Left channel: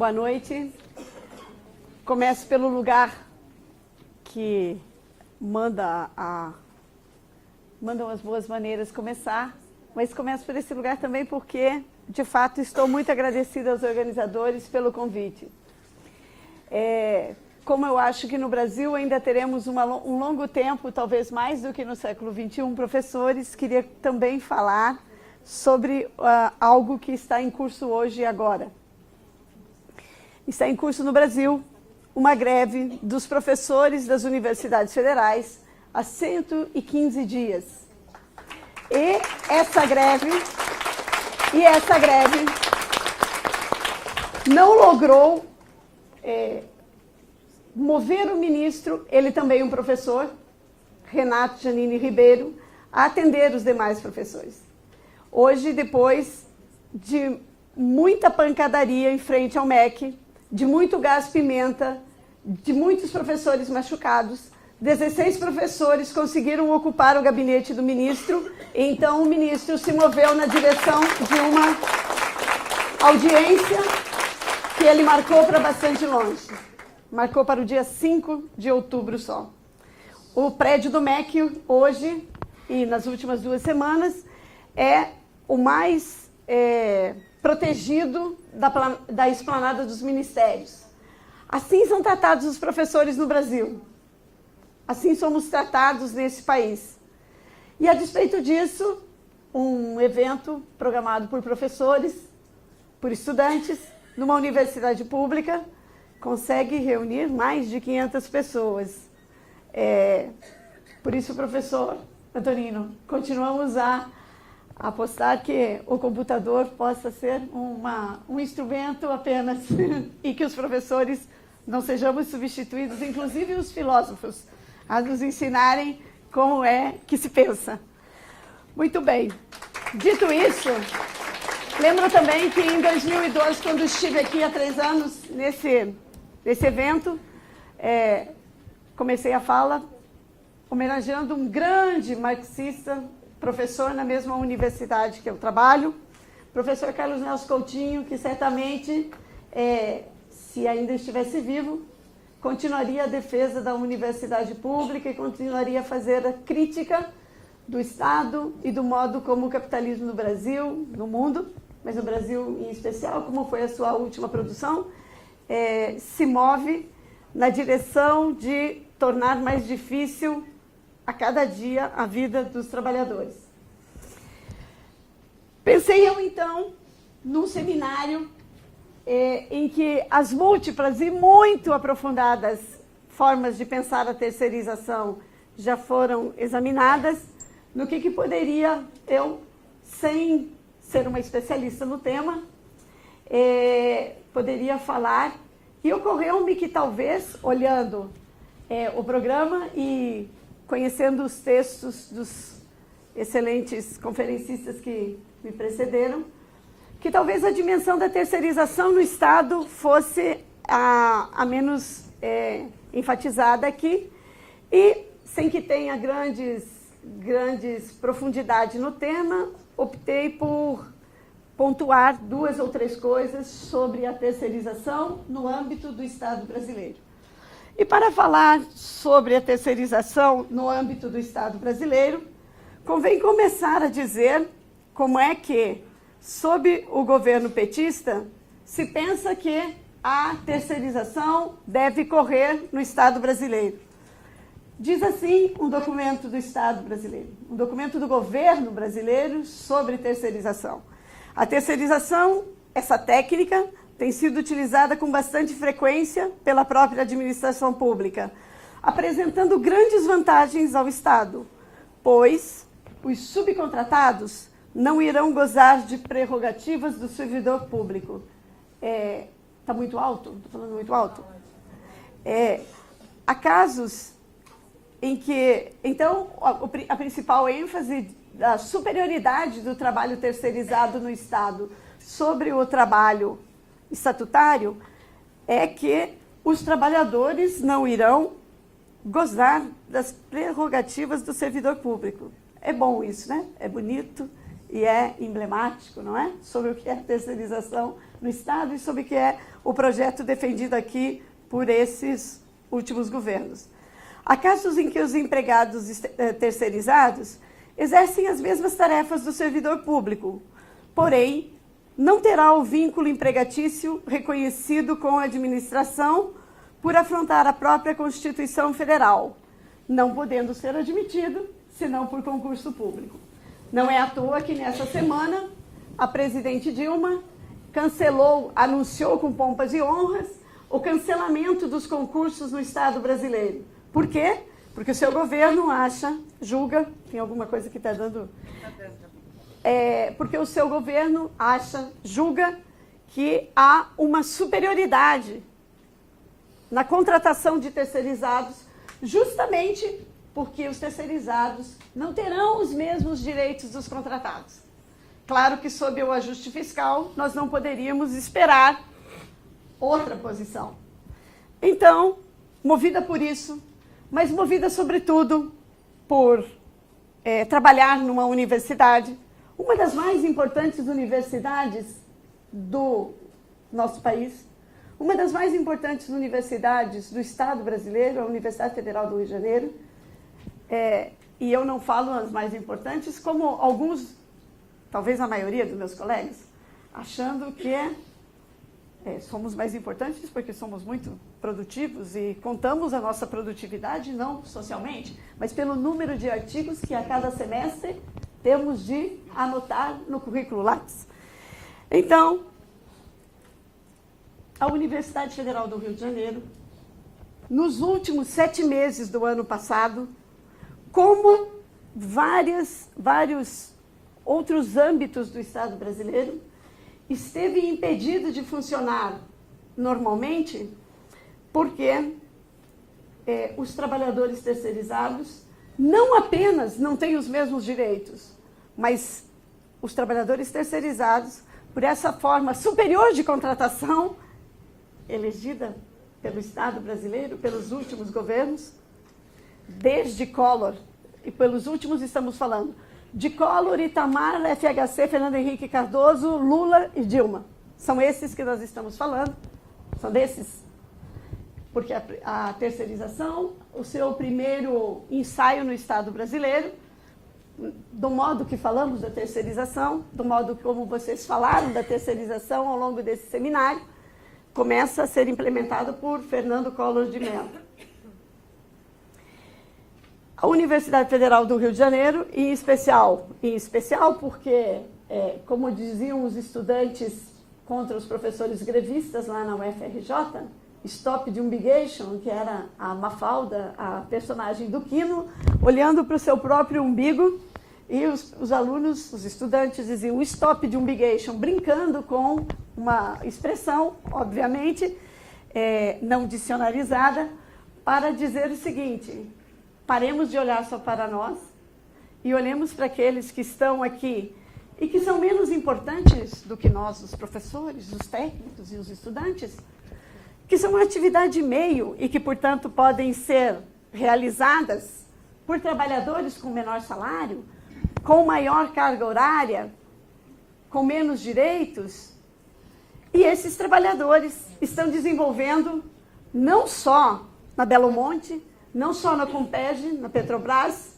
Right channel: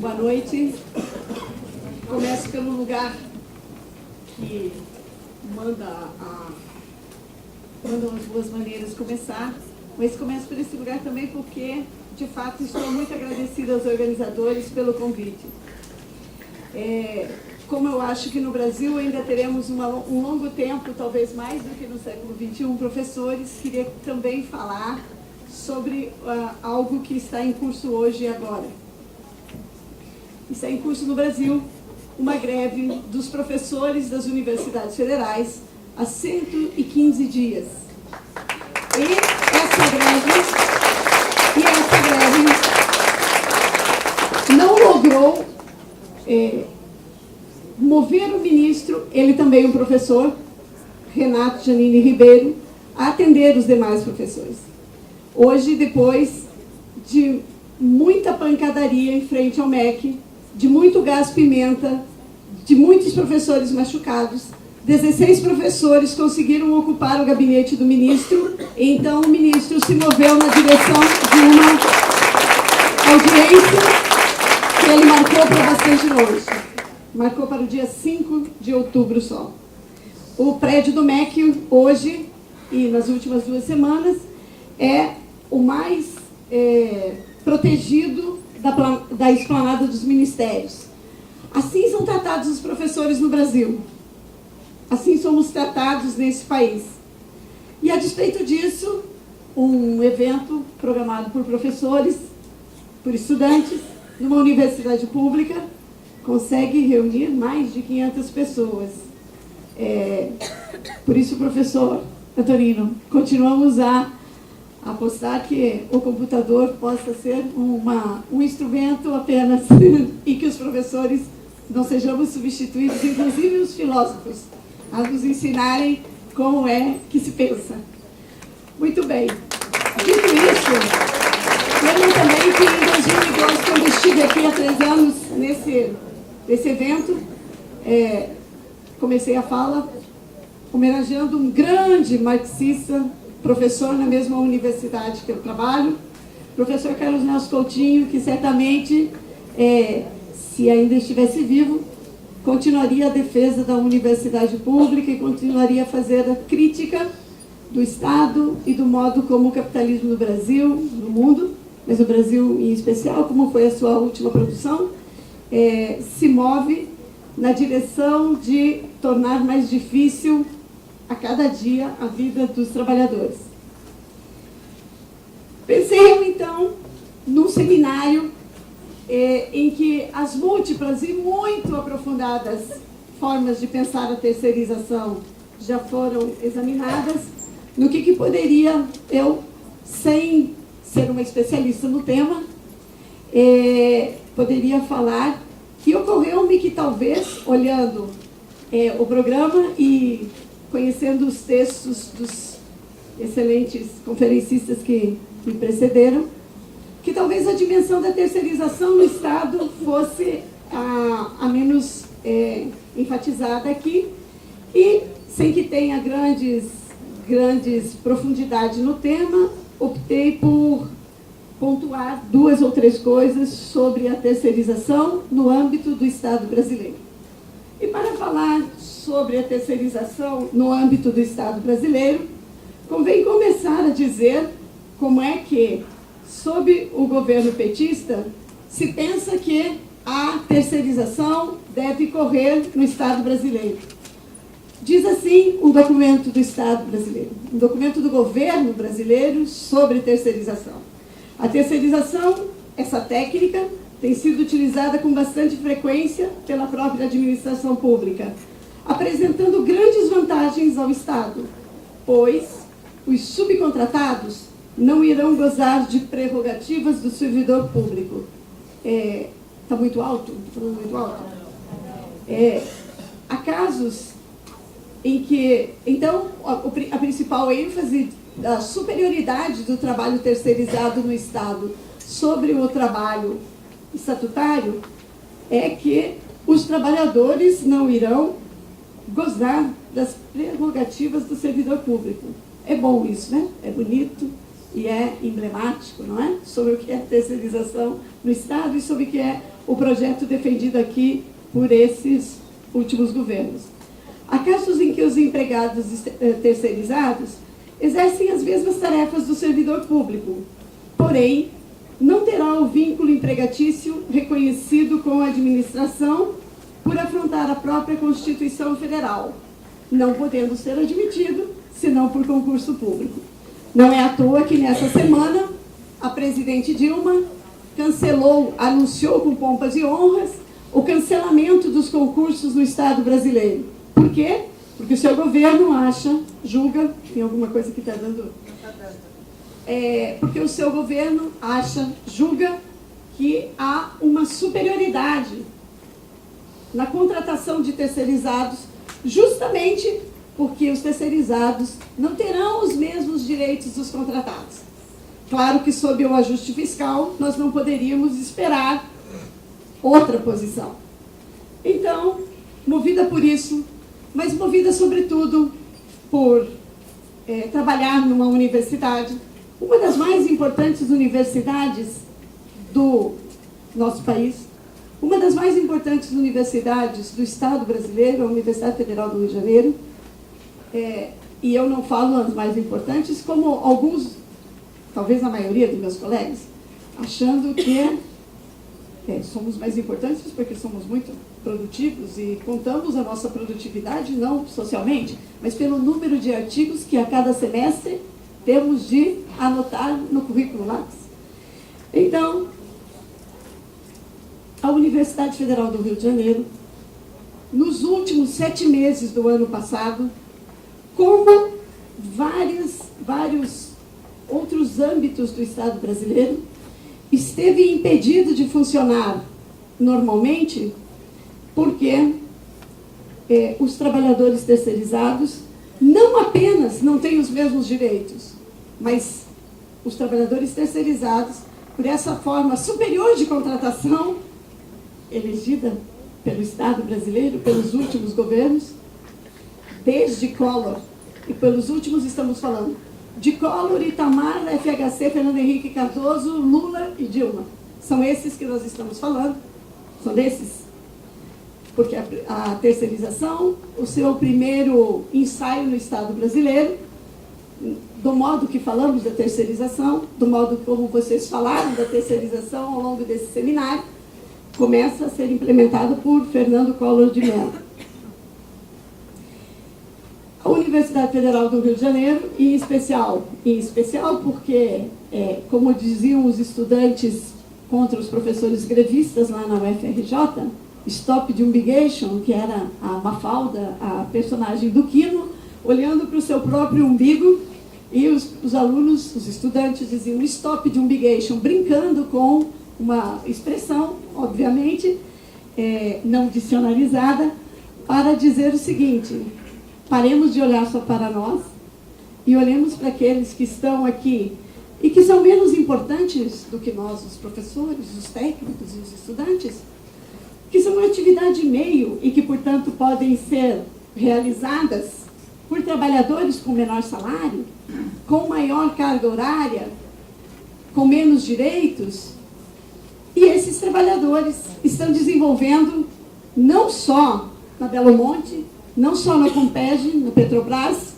Boa noite. Começo pelo lugar que mandam as boas maneiras de começar, mas começo por esse lugar também porque, de fato, estou muito agradecida aos organizadores pelo convite. Como eu acho que no Brasil ainda teremos um longo tempo, talvez mais do que no século XXI, professores, queria também falar sobre algo que está em curso hoje e agora. Está em curso no Brasil uma greve dos professores das universidades federais há 115 dias. E essa greve não logrou mover o ministro, ele também um professor, Renato Janine Ribeiro, a atender os demais professores. Hoje, depois de muita pancadaria em frente ao MEC, de muito gás-pimenta, de muitos professores machucados, 16 professores conseguiram ocupar o gabinete do ministro, então o ministro se moveu na direção de uma audiência que ele marcou para bastante longe. Marcou para o dia 5 de outubro só. O prédio do MEC, hoje e nas últimas 2 semanas, é o mais protegido da esplanada dos ministérios. Assim são tratados os professores no Brasil. Assim somos tratados nesse país. E a despeito disso, um evento programado por professores, por estudantes, numa universidade pública, consegue reunir mais de 500 pessoas. Por isso, professor Antonino, continuamos a apostar que o computador possa ser um instrumento apenas e que os professores não sejamos substituídos, inclusive os filósofos, a nos ensinarem como é que se pensa. Muito bem. Dito isso, lembro também que em 2012, que eu estive aqui há 3 anos nesse evento, comecei a fala homenageando um grande marxista, professor na mesma universidade que eu trabalho, professor Carlos Nelson Coutinho, que certamente, se ainda estivesse vivo, continuaria a defesa da universidade pública e continuaria a fazer a crítica do Estado e do modo como o capitalismo no Brasil, no mundo, mas no Brasil em especial, como foi a sua última produção, se move na direção de tornar mais difícil a cada dia a vida dos trabalhadores. Pensei, então, num seminário em que as múltiplas e muito aprofundadas formas de pensar a terceirização já foram examinadas, no que poderia eu, sem ser uma especialista no tema, poderia falar que ocorreu-me que talvez, olhando o programa e conhecendo os textos dos excelentes conferencistas que me precederam, que talvez a dimensão da terceirização no Estado fosse a menos enfatizada aqui, e sem que tenha grandes profundidades no tema, optei por pontuar 2 ou 3 coisas sobre a terceirização no âmbito do Estado brasileiro. E para falar sobre a terceirização no âmbito do Estado brasileiro, convém começar a dizer como é que, sob o governo petista, se pensa que a terceirização deve correr no Estado brasileiro. Diz assim um documento do Estado brasileiro, um documento do governo brasileiro sobre terceirização. A terceirização, essa técnica, tem sido utilizada com bastante frequência pela própria administração pública, apresentando grandes vantagens ao Estado, pois os subcontratados não irão gozar de prerrogativas do servidor público. Está muito alto? Está falando muito alto? Há casos em que, então, a principal ênfase da superioridade do trabalho terceirizado no Estado sobre o trabalho estatutário é que os trabalhadores não irão gozar das prerrogativas do servidor público. É bom isso, né? É bonito, e é emblemático, não é? Sobre o que é terceirização no Estado e sobre o que é o projeto defendido aqui por esses últimos governos. Há casos em que os empregados terceirizados exercem as mesmas tarefas do servidor público, porém, não terá o vínculo empregatício reconhecido com a administração por afrontar a própria Constituição Federal, não podendo ser admitido, senão por concurso público. Não é à toa que, nessa semana, a presidente Dilma anunciou com pompas e honras o cancelamento dos concursos no Estado brasileiro. Por quê? Porque o seu governo julga, tem alguma coisa que está dando... porque o seu governo julga que há uma superioridade na contratação de terceirizados, justamente porque os terceirizados não terão os mesmos direitos dos contratados. Claro que, sob o ajuste fiscal, nós não poderíamos esperar outra posição. Então, movida por isso, mas movida, sobretudo, por trabalhar numa universidade, uma das mais importantes universidades do nosso país, uma das mais importantes universidades do Estado brasileiro, a Universidade Federal do Rio de Janeiro, e eu não falo as mais importantes, como alguns, talvez a maioria dos meus colegas, achando que somos mais importantes porque somos muito produtivos e contamos a nossa produtividade, não socialmente, mas pelo número de artigos que a cada semestre temos de anotar no currículo Lattes. Então, a Universidade Federal do Rio de Janeiro, nos últimos 7 meses do ano passado, como vários outros âmbitos do Estado brasileiro, esteve impedido de funcionar normalmente porque os trabalhadores terceirizados não apenas não têm os mesmos direitos, mas os trabalhadores terceirizados, por essa forma superior de contratação, elegida pelo Estado brasileiro, pelos últimos governos, desde Collor, e pelos últimos estamos falando de Collor, Itamar, FHC, Fernando Henrique Cardoso, Lula e Dilma. São esses que nós estamos falando, são desses. Porque a terceirização, o seu primeiro ensaio no Estado brasileiro, do modo que falamos da terceirização, do modo como vocês falaram da terceirização ao longo desse seminário, começa a ser implementado por Fernando Collor de Mello. A Universidade Federal do Rio de Janeiro, em especial porque, como diziam os estudantes contra os professores grevistas lá na UFRJ, Stop the Umbigation, que era a Mafalda, a personagem do Quino, olhando para o seu próprio umbigo, e os alunos, os estudantes diziam Stop the Umbigation, brincando com uma expressão, obviamente, não dicionarizada, para dizer o seguinte: paremos de olhar só para nós e olhemos para aqueles que estão aqui e que são menos importantes do que nós, os professores, os técnicos e os estudantes, que são uma atividade meio e que, portanto, podem ser realizadas por trabalhadores com menor salário, com maior carga horária, com menos direitos. E esses trabalhadores estão desenvolvendo, não só na Belo Monte, não só no Compeg, na Petrobras,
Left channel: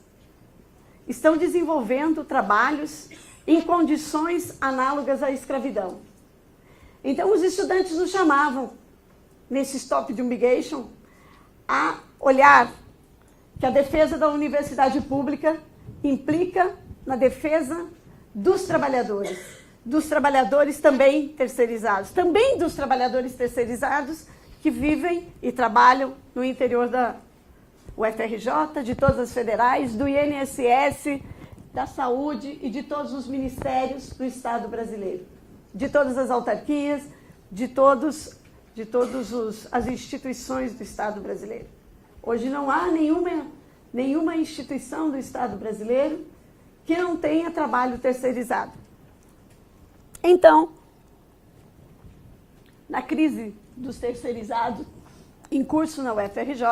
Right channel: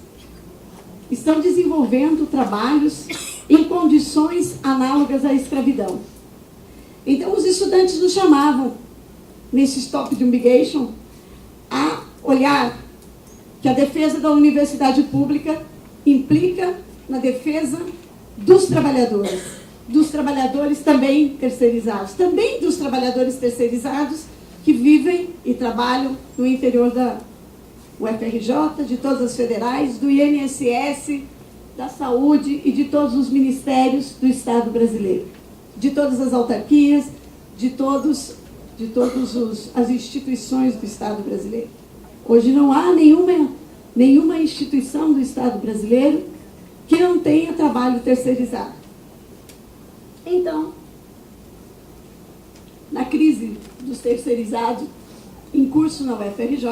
estão desenvolvendo trabalhos em condições análogas à escravidão. Então, os estudantes nos chamavam, nesse Stop the Umbigation, a olhar que a defesa da universidade pública implica na defesa dos trabalhadores também terceirizados, também dos trabalhadores terceirizados que vivem e trabalham no interior da UFRJ, de todas as federais, do INSS, da saúde e de todos os ministérios do Estado brasileiro, de todas as autarquias, de todas as instituições do Estado brasileiro. Hoje não há nenhuma instituição do Estado brasileiro que não tenha trabalho terceirizado. Então, na crise dos terceirizados, em curso na UFRJ,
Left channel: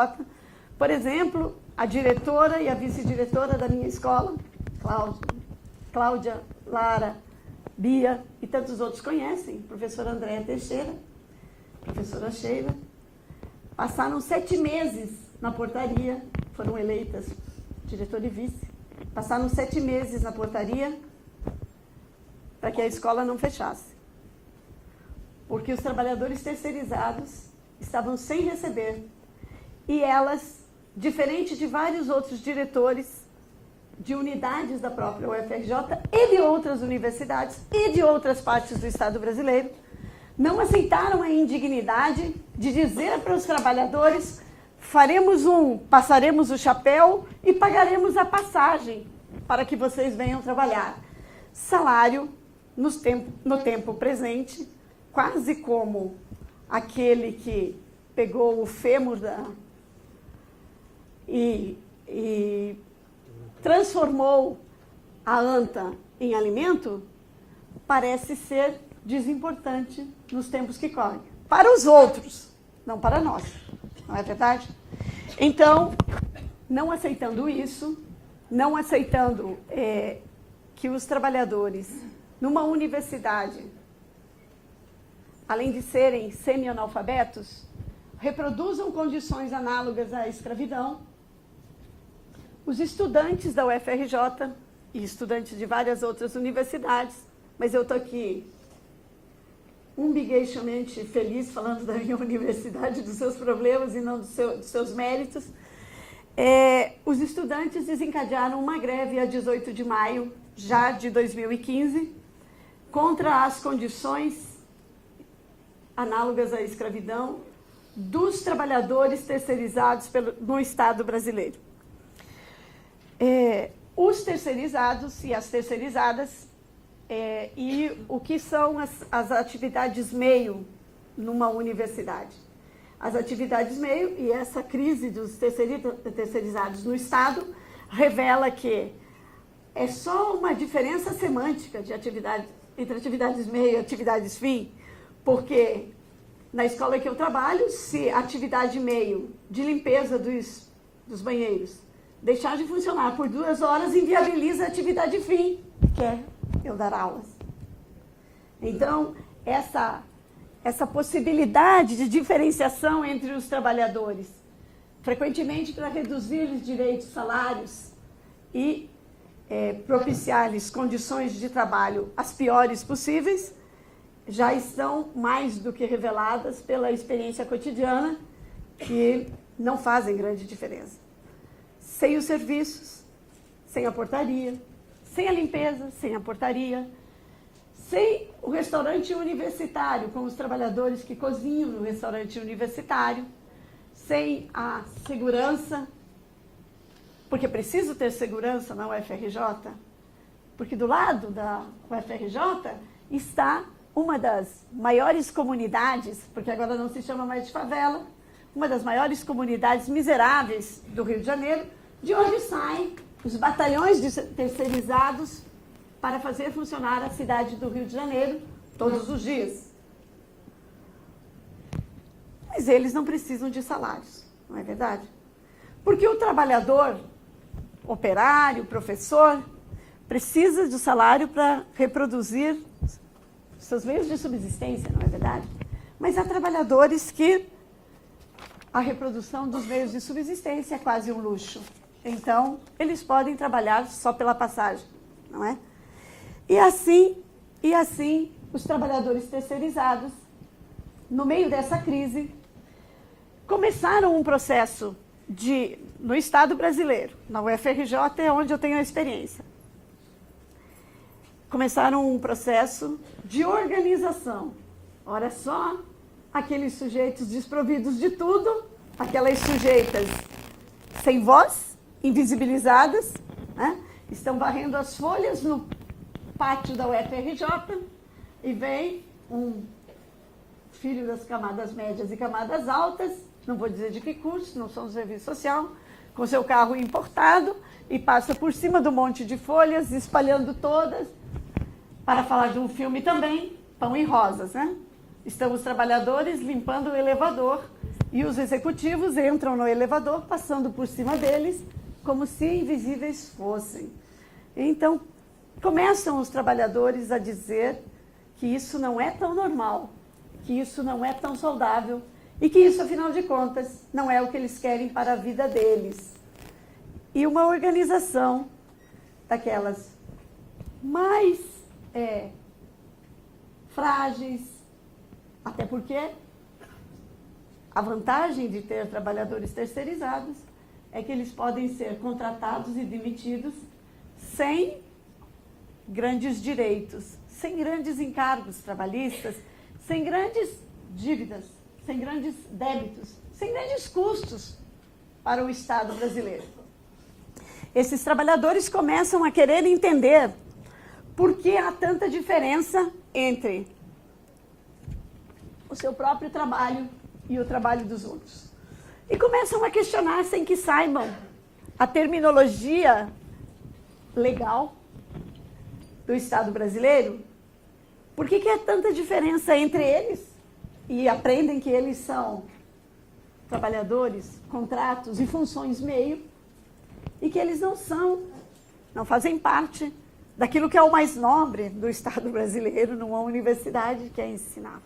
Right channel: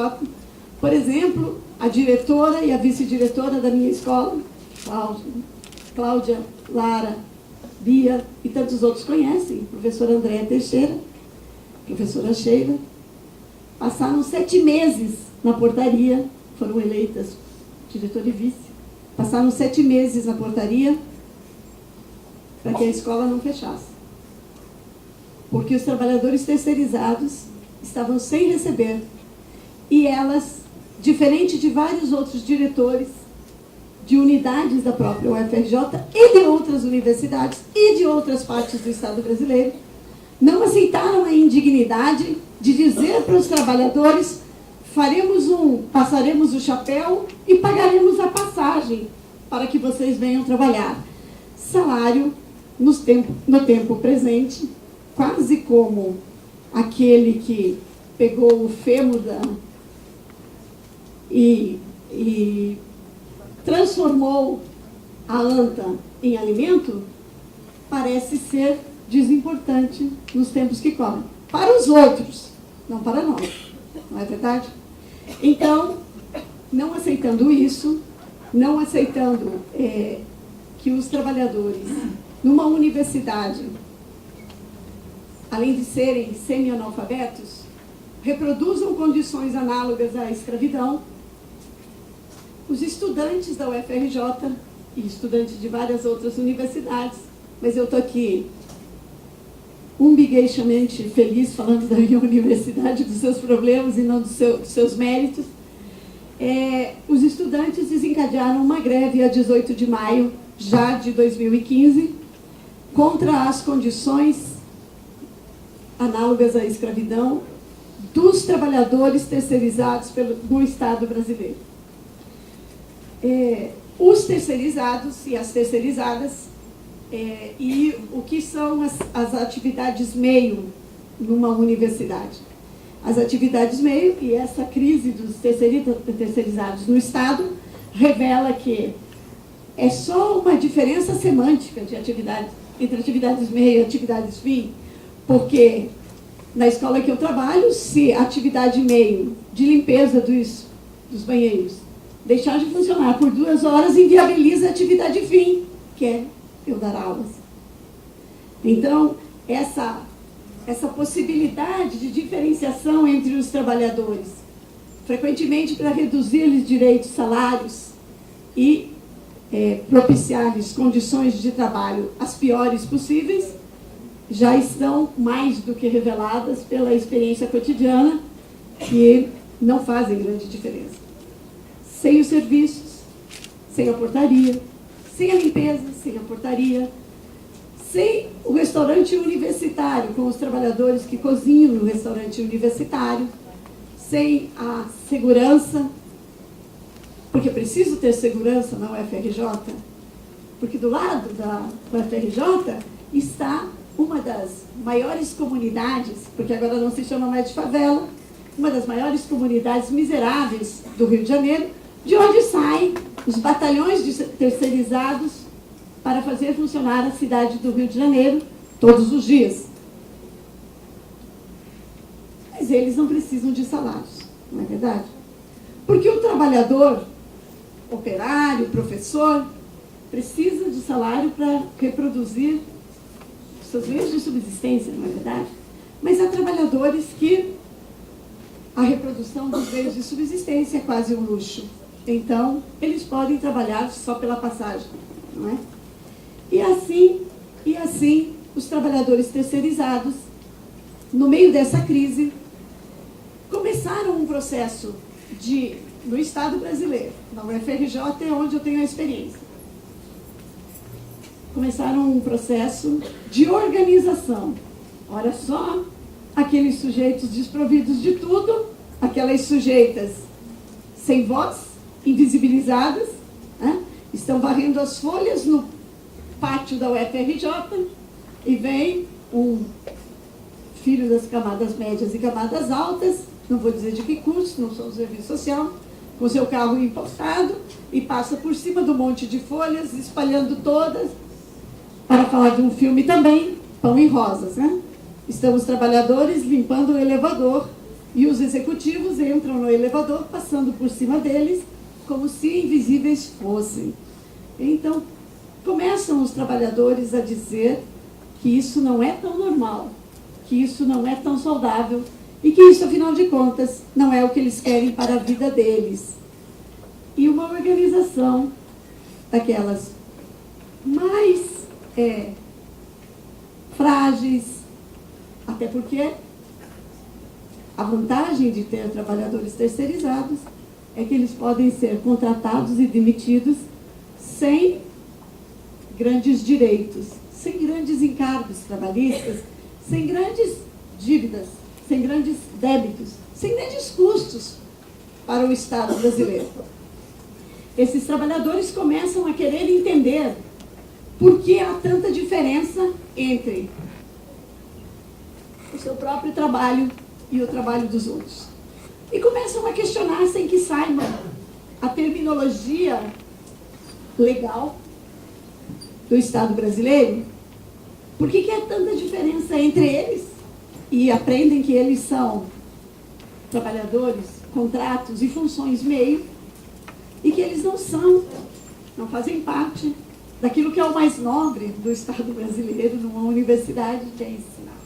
por exemplo, a diretora e a vice-diretora da minha escola, Cláudia Lara, Bia e tantos outros conhecem, professora Andréa Teixeira, professora Sheila, passaram 7 meses na portaria, foram eleitas diretor e vice, passaram 7 meses na portaria para que a escola não fechasse. Porque os trabalhadores terceirizados estavam sem receber. E elas, diferente de vários outros diretores de unidades da própria UFRJ e de outras universidades e de outras partes do Estado brasileiro, não aceitaram a indignidade de dizer para os trabalhadores: passaremos o chapéu e pagaremos a passagem para que vocês venham trabalhar. Salário no tempo presente, quase como aquele que pegou o fêmur e transformou a anta em alimento, parece ser desimportante nos tempos que correm. Para os outros, não para nós. Não é verdade? Então, não aceitando isso, não aceitando que os trabalhadores numa universidade, além de serem semi-analfabetos, reproduzam condições análogas à escravidão, os estudantes da UFRJ e estudantes de várias outras universidades, mas eu estou aqui umbigueiramente feliz falando da minha universidade, dos seus problemas e não dos seus méritos, os estudantes desencadearam uma greve a 18 de maio, já de 2015, contra as condições análogas à escravidão dos trabalhadores terceirizados no Estado brasileiro. Os terceirizados e as terceirizadas, e o que são as atividades meio numa universidade. As atividades meio, e essa crise dos terceirizados no Estado, revela que é só uma diferença semântica de entre atividades meio e atividades fim, porque na escola que eu trabalho, se a atividade meio de limpeza dos banheiros deixar de funcionar por 2 horas, inviabiliza a atividade fim, que é eu dar aulas. Então, essa possibilidade de diferenciação entre os trabalhadores, frequentemente para reduzir-lhes direitos, salários e propiciar-lhes condições de trabalho as piores possíveis, já estão mais do que reveladas pela experiência cotidiana, que não fazem grande diferença. Sem os serviços, sem a portaria, sem a limpeza, sem a portaria, sem o restaurante universitário, com os trabalhadores que cozinham no restaurante universitário, sem a segurança, porque preciso ter segurança na UFRJ, porque do lado da UFRJ está uma das maiores comunidades, porque agora não se chama mais de favela, uma das maiores comunidades miseráveis do Rio de Janeiro, de onde saem os batalhões de terceirizados para fazer funcionar a cidade do Rio de Janeiro todos os dias. Mas eles não precisam de salários, não é verdade? Porque o trabalhador, operário, professor, precisa do salário para reproduzir seus meios de subsistência, não é verdade? Mas há trabalhadores que a reprodução dos meios de subsistência é quase um luxo. Então, eles podem trabalhar só pela passagem, não é? E assim, os trabalhadores terceirizados, no meio dessa crise, começaram um processo no Estado brasileiro, na UFRJ é onde eu tenho a experiência, começaram um processo de organização. Olha só, aqueles sujeitos desprovidos de tudo, aquelas sujeitas sem voz, invisibilizadas, né? Estão varrendo as folhas no pátio da UFRJ e vem um filho das camadas médias e camadas altas, não vou dizer de que curso, não sou do serviço social, com seu carro importado e passa por cima do monte de folhas, espalhando todas, para falar de um filme também, Pão e Rosas, né? Estão os trabalhadores limpando o elevador e os executivos entram no elevador, passando por cima deles, como se invisíveis fossem. Então, começam os trabalhadores a dizer que isso não é tão normal, que isso não é tão saudável e que isso, afinal de contas, não é o que eles querem para a vida deles. E uma organização daquelas mais frágeis, até porque a vantagem de ter trabalhadores terceirizados é que eles podem ser contratados e demitidos sem grandes direitos, sem grandes encargos trabalhistas, sem grandes dívidas, sem grandes débitos, sem grandes custos para o Estado brasileiro. Esses trabalhadores começam a querer entender por que há tanta diferença entre o seu próprio trabalho e o trabalho dos outros. E começam a questionar sem que saibam a terminologia legal do Estado brasileiro. Por que há tanta diferença entre eles? E aprendem que eles são trabalhadores, contratos e funções meio, e que eles não fazem parte daquilo que é o mais nobre do Estado brasileiro, numa universidade, que é ensinar.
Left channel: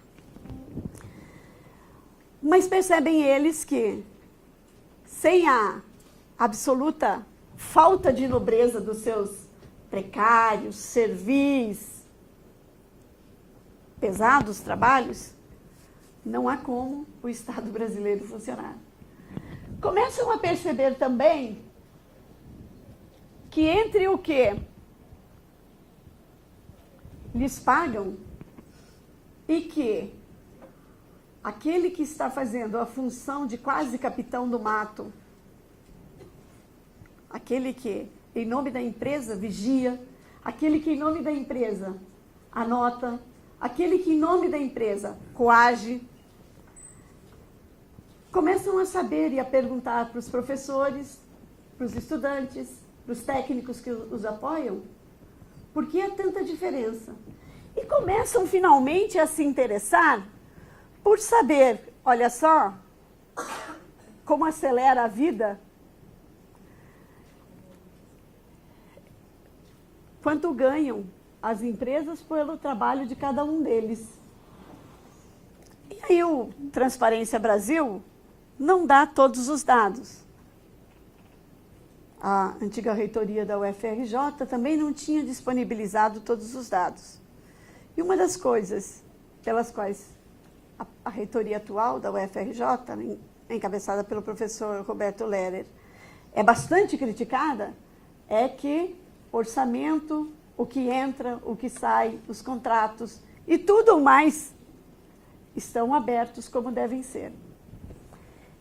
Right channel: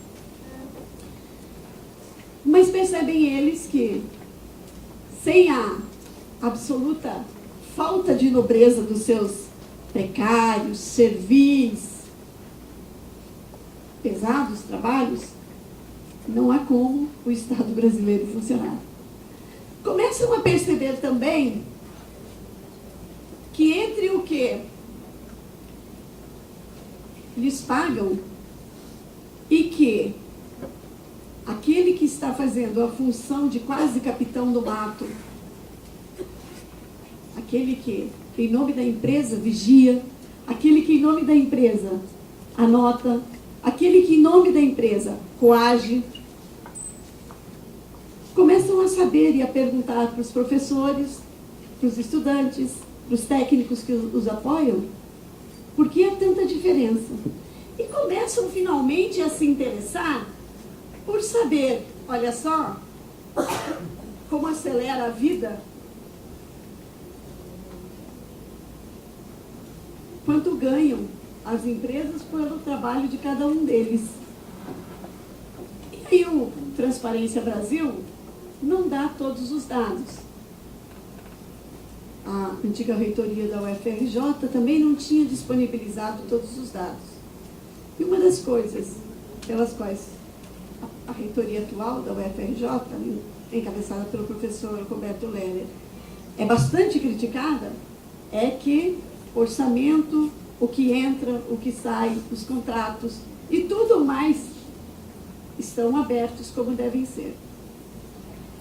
Mas percebem eles que, sem a absoluta falta de nobreza dos seus precários, servis, pesados trabalhos, não há como o Estado brasileiro funcionar. Começam a perceber também que entre o que lhes pagam e que aquele que está fazendo a função de quase capitão do mato, aquele que em nome da empresa vigia, aquele que em nome da empresa anota, aquele que em nome da empresa coage, começam a saber e a perguntar para os professores, para os estudantes, para os técnicos que os apoiam, por que há tanta diferença? E começam finalmente a se interessar por saber, olha só, como acelera a vida, quanto ganham as empresas pelo trabalho de cada um deles. E aí o Transparência Brasil não dá todos os dados. A antiga reitoria da UFRJ também não tinha disponibilizado todos os dados. E uma das coisas pelas quais a reitoria atual da UFRJ, encabeçada pelo professor Roberto Leller, é bastante criticada, é que o orçamento, o que entra, o que sai, os contratos e tudo mais estão abertos como devem ser.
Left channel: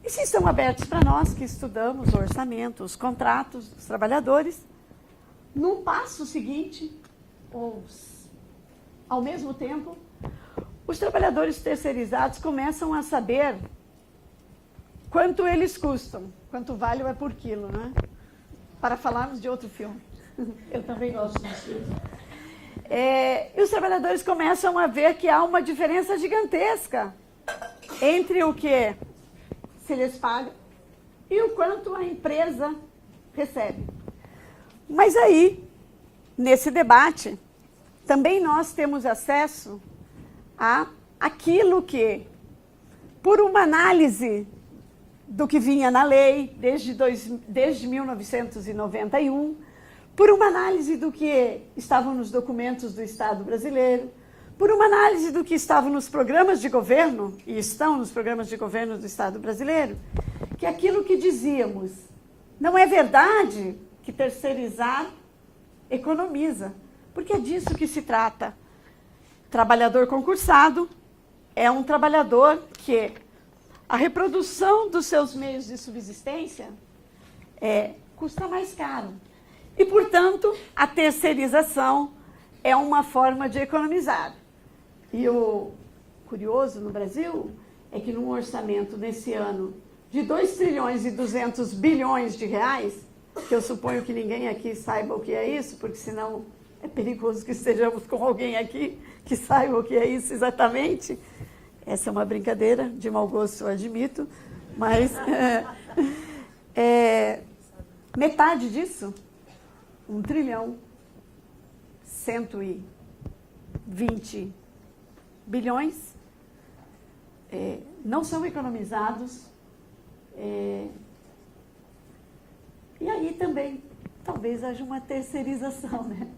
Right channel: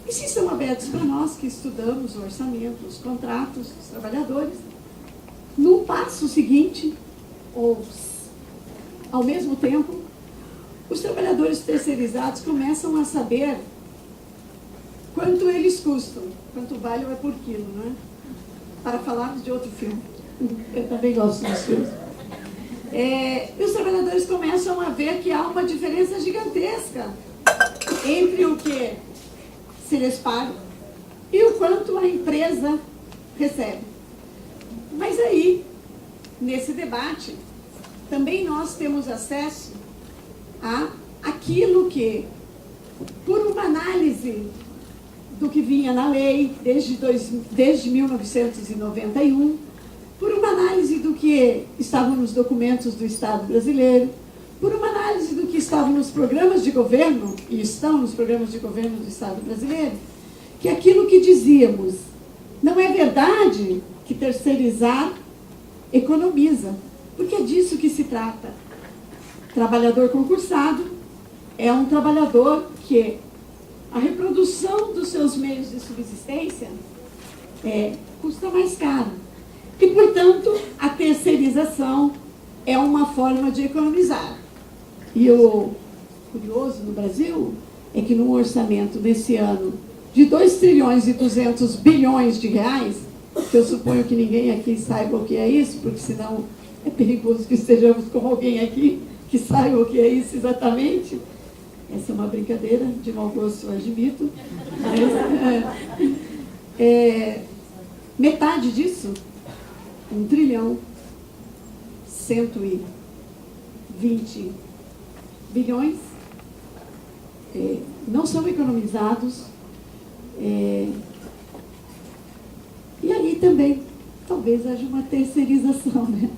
E se são abertos para nós que estudamos o orçamento, os contratos dos trabalhadores, no passo seguinte, ou ao mesmo tempo, os trabalhadores terceirizados começam a saber quanto eles custam, quanto vale o é por quilo, não é? Para falarmos de outro filme. Eu também gosto dos filmes. E os trabalhadores começam a ver que há uma diferença gigantesca entre o que se lhes paga e o quanto a empresa recebe. Mas aí, nesse debate, também nós temos acesso a aquilo que, por uma análise do que vinha na lei desde 1991, por uma análise do que estava nos documentos do Estado brasileiro, por uma análise do que estava nos programas de governo, e estão nos programas de governo do Estado brasileiro, que aquilo que dizíamos, não é verdade que terceirizar economiza, porque é disso que se trata. Trabalhador concursado é um trabalhador que a reprodução dos seus meios de subsistência custa mais caro. E, portanto, a terceirização é uma forma de economizar. E o curioso no Brasil é que num orçamento nesse ano de 2 trilhões e 200 bilhões de reais, que eu suponho que ninguém aqui saiba o que é isso, porque senão é perigoso que estejamos com alguém aqui que saiba o que é isso exatamente. Essa é uma brincadeira, de mau gosto, eu admito, mas metade disso, 1 trilhão, 120 bilhões, não são economizados. E aí também, talvez haja uma terceirização, né?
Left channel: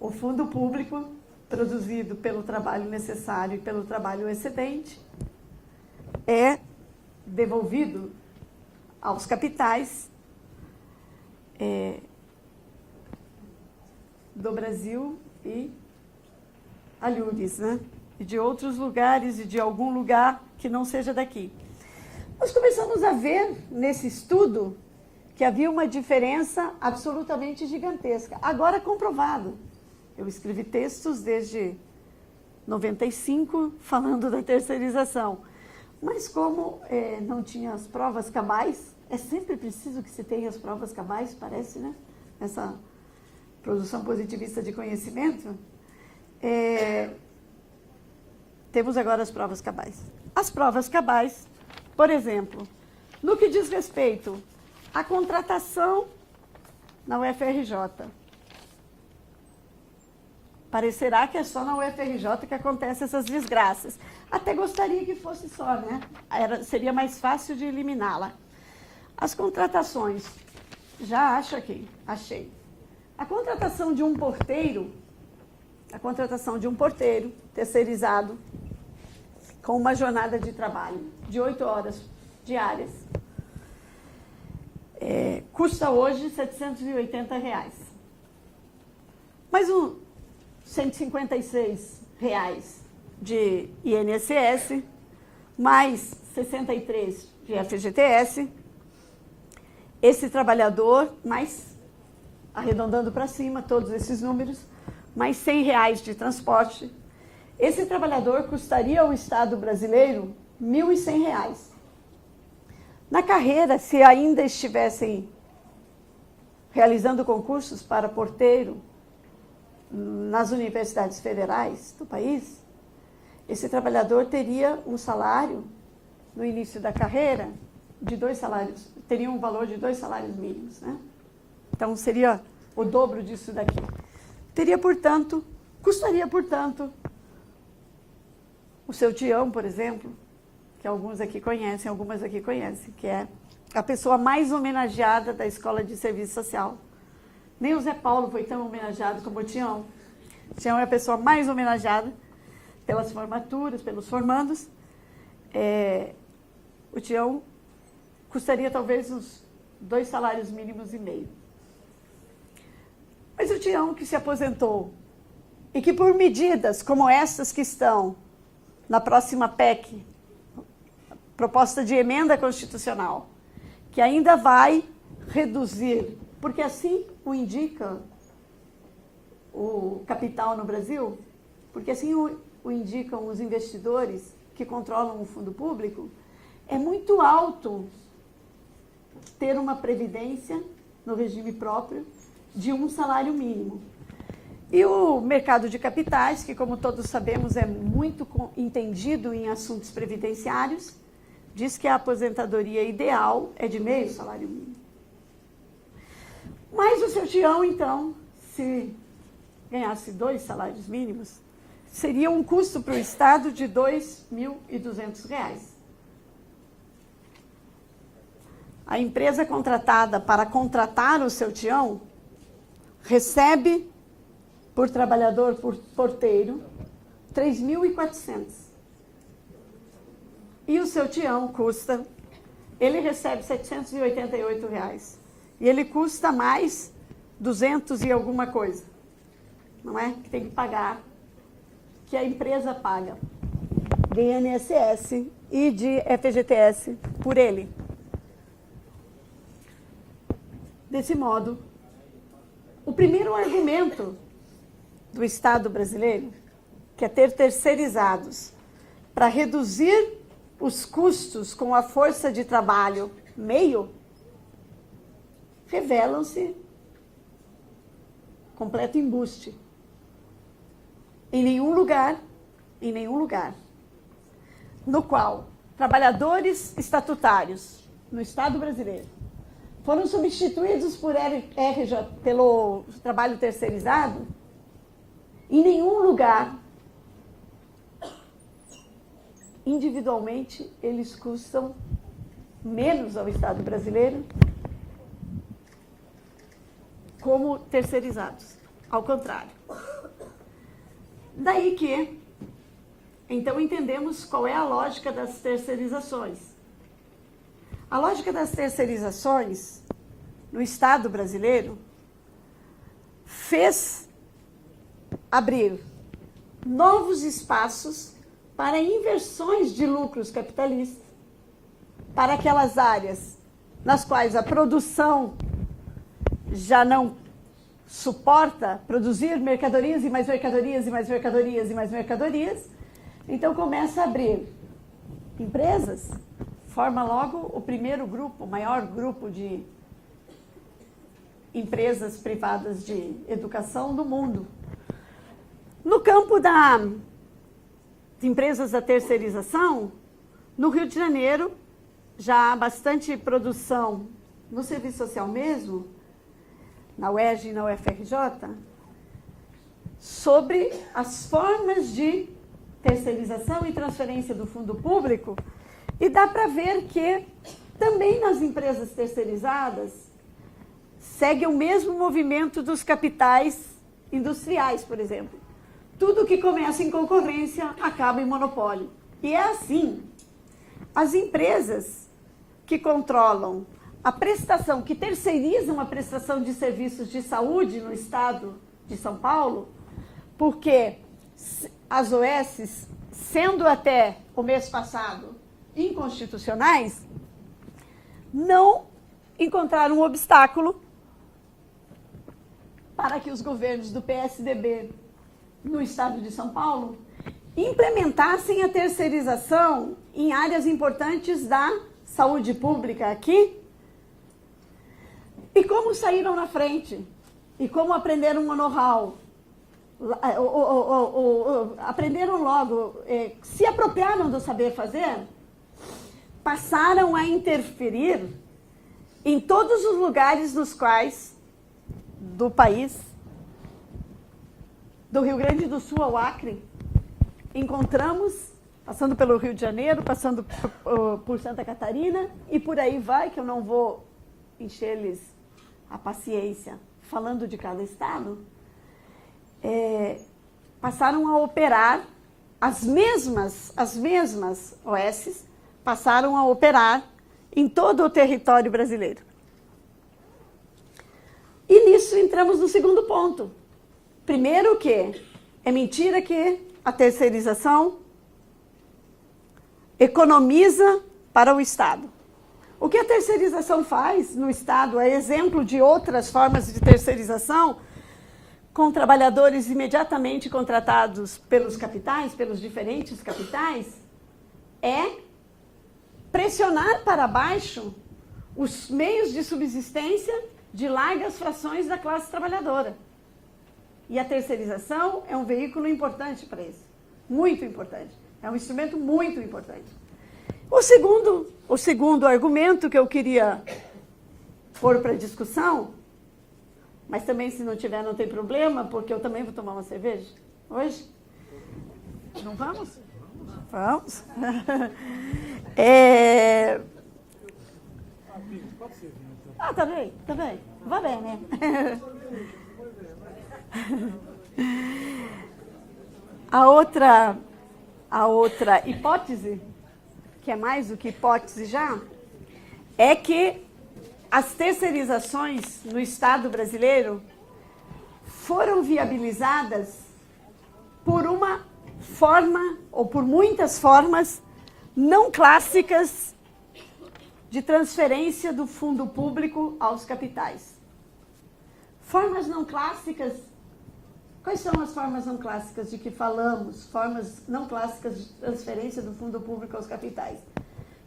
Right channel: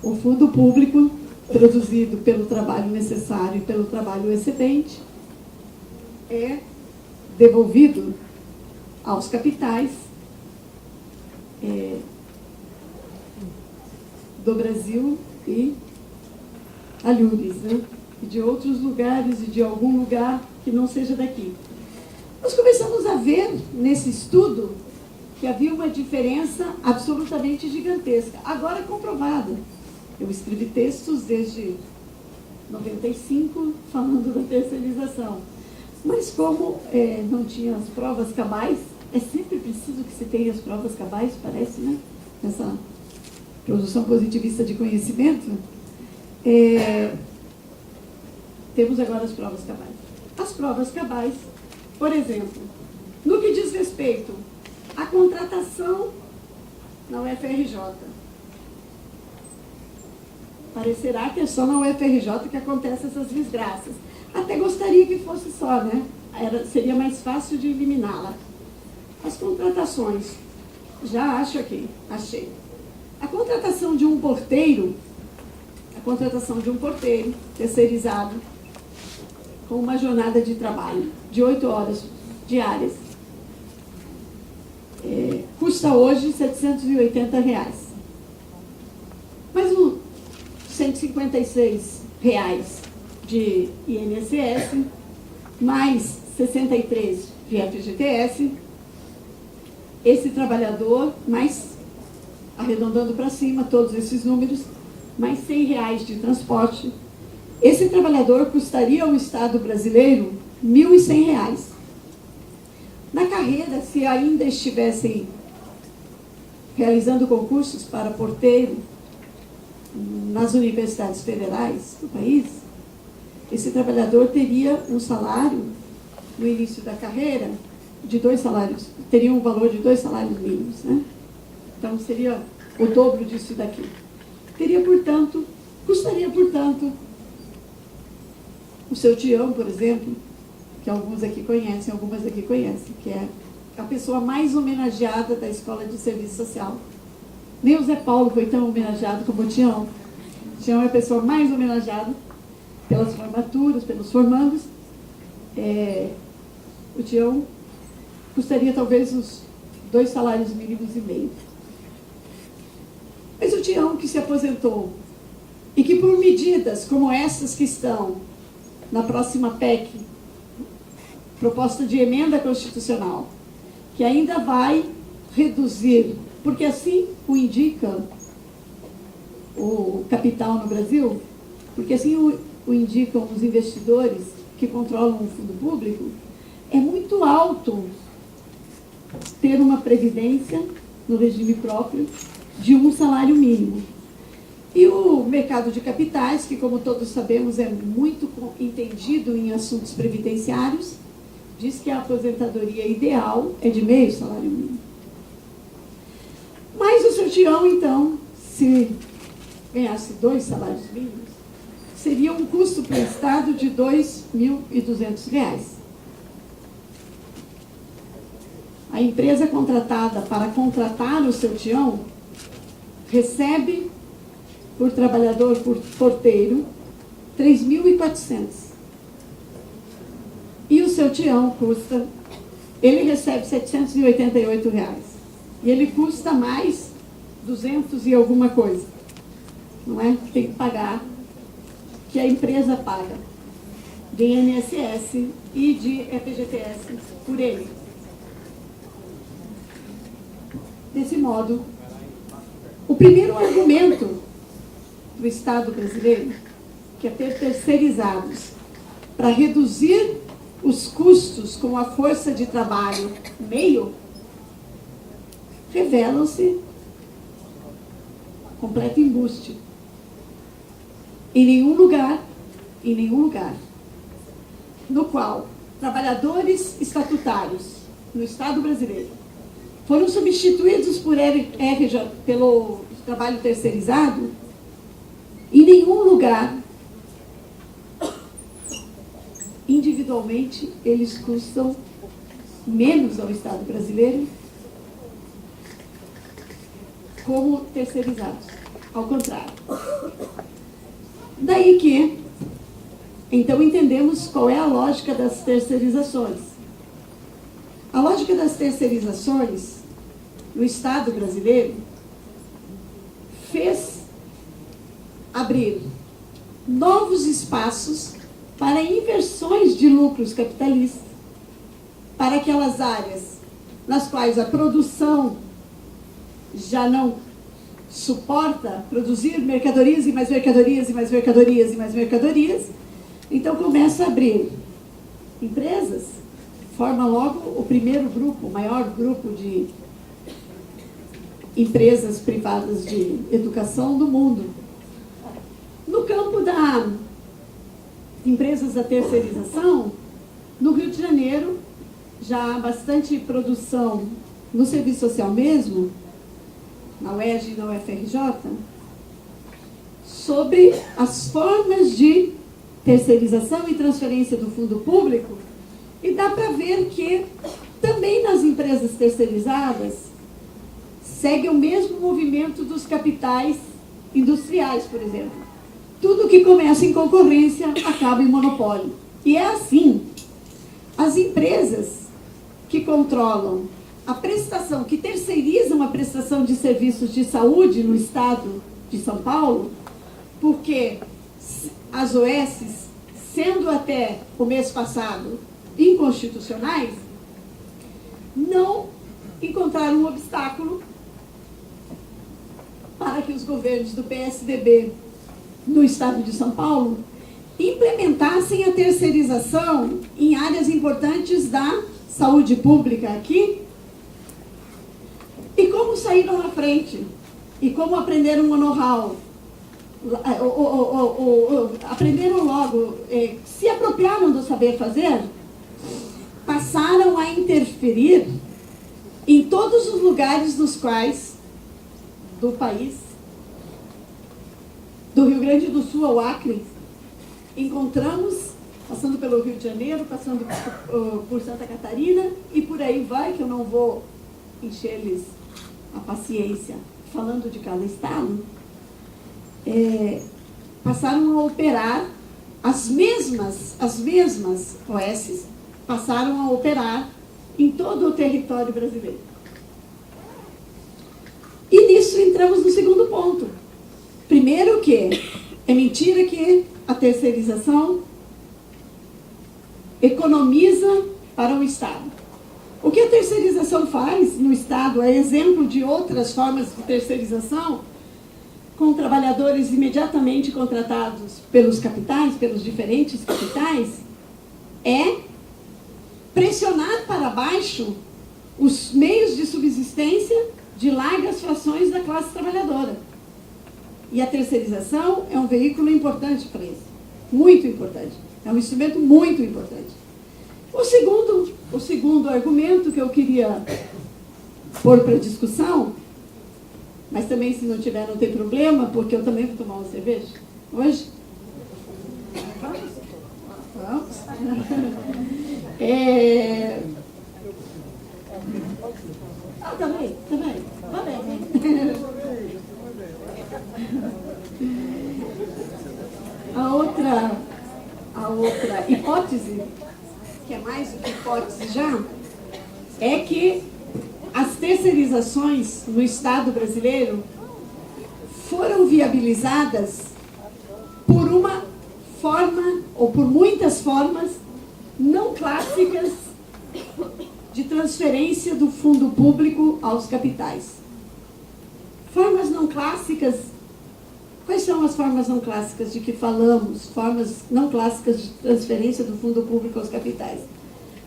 O fundo público, produzido pelo trabalho necessário e pelo trabalho excedente, é devolvido aos capitais do Brasil e alhures, né? E de outros lugares e de algum lugar que não seja daqui. Nós começamos a ver nesse estudo que havia uma diferença absolutamente gigantesca. Agora comprovado. Eu escrevi textos desde 95 falando da terceirização. Mas como não tinha as provas cabais, é sempre preciso que se tenha as provas cabais, parece, né? Essa produção positivista de conhecimento. Temos agora as provas cabais. As provas cabais, por exemplo, no que diz respeito à contratação na UFRJ. Parecerá que é só na UFRJ que acontecem essas desgraças. Até gostaria que fosse só, né? Seria mais fácil de eliminá-la. As contratações, já acho aqui, achei. A contratação de um porteiro terceirizado, com uma jornada de trabalho de 8 horas diárias, custa hoje R$ 780. Mas o R$ 156 de INSS, mais 63 de FGTS, esse trabalhador, mais, arredondando para cima todos esses números, mais R$ 100 de transporte, esse trabalhador custaria ao Estado brasileiro R$ 1.100. Na carreira, se ainda estivessem realizando concursos para porteiro nas universidades federais do país, esse trabalhador teria um salário, no início da carreira, de 2 salários, teria um valor de 2 salários mínimos, né? Então, seria o dobro disso daqui. Custaria, portanto, o seu Tião, por exemplo, que algumas aqui conhecem, que é a pessoa mais homenageada da Escola de Serviço Social. Nem o Zé Paulo foi tão homenageado como o Tião. O Tião é a pessoa mais homenageada pelas formaturas, pelos formandos. O Tião custaria talvez uns 2 salários mínimos e meio. Mas o Tião que se aposentou e que por medidas como essas que estão na próxima PEC, proposta de emenda constitucional, que ainda vai reduzir, porque assim o indica o capital no Brasil, porque assim o indicam os investidores que controlam o fundo público, é muito alto ter uma previdência no regime próprio de um salário mínimo. E o mercado de capitais, que como todos sabemos é muito entendido em assuntos previdenciários, diz que a aposentadoria ideal é de meio salário mínimo. Mas o seu Tião, então, se ganhasse 2 salários mínimos, seria um custo para o Estado de R$ 2.200. A empresa contratada para contratar o seu Tião recebe por trabalhador, por porteiro, R$ 3.400. E o seu Tião ele recebe R$ 788. E ele custa mais 200 e alguma coisa. Não é? Tem que pagar, que a empresa paga de INSS e de FGTS por ele. Desse modo, o primeiro argumento do Estado brasileiro, que é ter terceirizados para reduzir os custos com a força de trabalho meio, revelam-se completo embuste. Em nenhum lugar, no qual trabalhadores estatutários no Estado brasileiro foram substituídos pelo trabalho terceirizado, Em nenhum lugar, individualmente, eles custam menos ao Estado brasileiro como terceirizados. Ao contrário. Daí que, então, entendemos qual é a lógica das terceirizações. A lógica das terceirizações no Estado brasileiro fez abrir novos espaços para inversões de lucros capitalistas, para aquelas áreas nas quais a produção já não suporta produzir mercadorias e mais mercadorias e mais mercadorias e mais mercadorias. Então começa a abrir empresas, forma logo o primeiro grupo, o maior grupo de empresas privadas de educação do mundo. No campo das empresas da terceirização, no Rio de Janeiro, já há bastante produção no serviço social mesmo, na UERJ e na UFRJ, sobre as formas de terceirização e transferência do fundo público, e dá para ver que também nas empresas terceirizadas segue o mesmo movimento dos capitais industriais, por exemplo. Tudo que começa em concorrência acaba em monopólio. E é assim. As empresas que controlam a prestação, que terceirizam a prestação de serviços de saúde no estado de São Paulo, porque as OS, sendo até o mês passado inconstitucionais, não encontraram um obstáculo para que os governos do PSDB no estado de São Paulo implementassem a terceirização em áreas importantes da saúde pública aqui. E como saíram na frente? E como aprenderam o know-how? Aprenderam logo, se apropriaram do saber fazer, passaram a interferir em todos os lugares nos quais, do país, do Rio Grande do Sul ao Acre, encontramos, passando pelo Rio de Janeiro, passando por Santa Catarina, e por aí vai, que eu não vou encher-lhes a paciência falando de cada estado, passaram a operar as mesmas OS, passaram a operar em todo o território brasileiro. E nisso entramos no segundo ponto. Primeiro que é mentira que a terceirização economiza para o Estado. O que a terceirização faz no Estado, é exemplo de outras formas de terceirização, com trabalhadores imediatamente contratados pelos capitais, pelos diferentes capitais, é pressionar para baixo os meios de subsistência de largas frações da classe trabalhadora. E a terceirização é um veículo importante para isso, muito importante, é um instrumento muito importante. O segundo argumento que eu queria pôr para discussão, mas também, se não tiver, não tem problema, porque eu também vou tomar uma cerveja hoje. Vamos? Vamos. Também. Vai bem, né? A outra hipótese, que é mais do que hipótese já, é que as terceirizações no Estado brasileiro foram viabilizadas por uma forma, ou por muitas formas, não clássicas de transferência do fundo público aos capitais. Formas não clássicas. Quais são as formas não clássicas de que falamos? Formas não clássicas de transferência do fundo público aos capitais.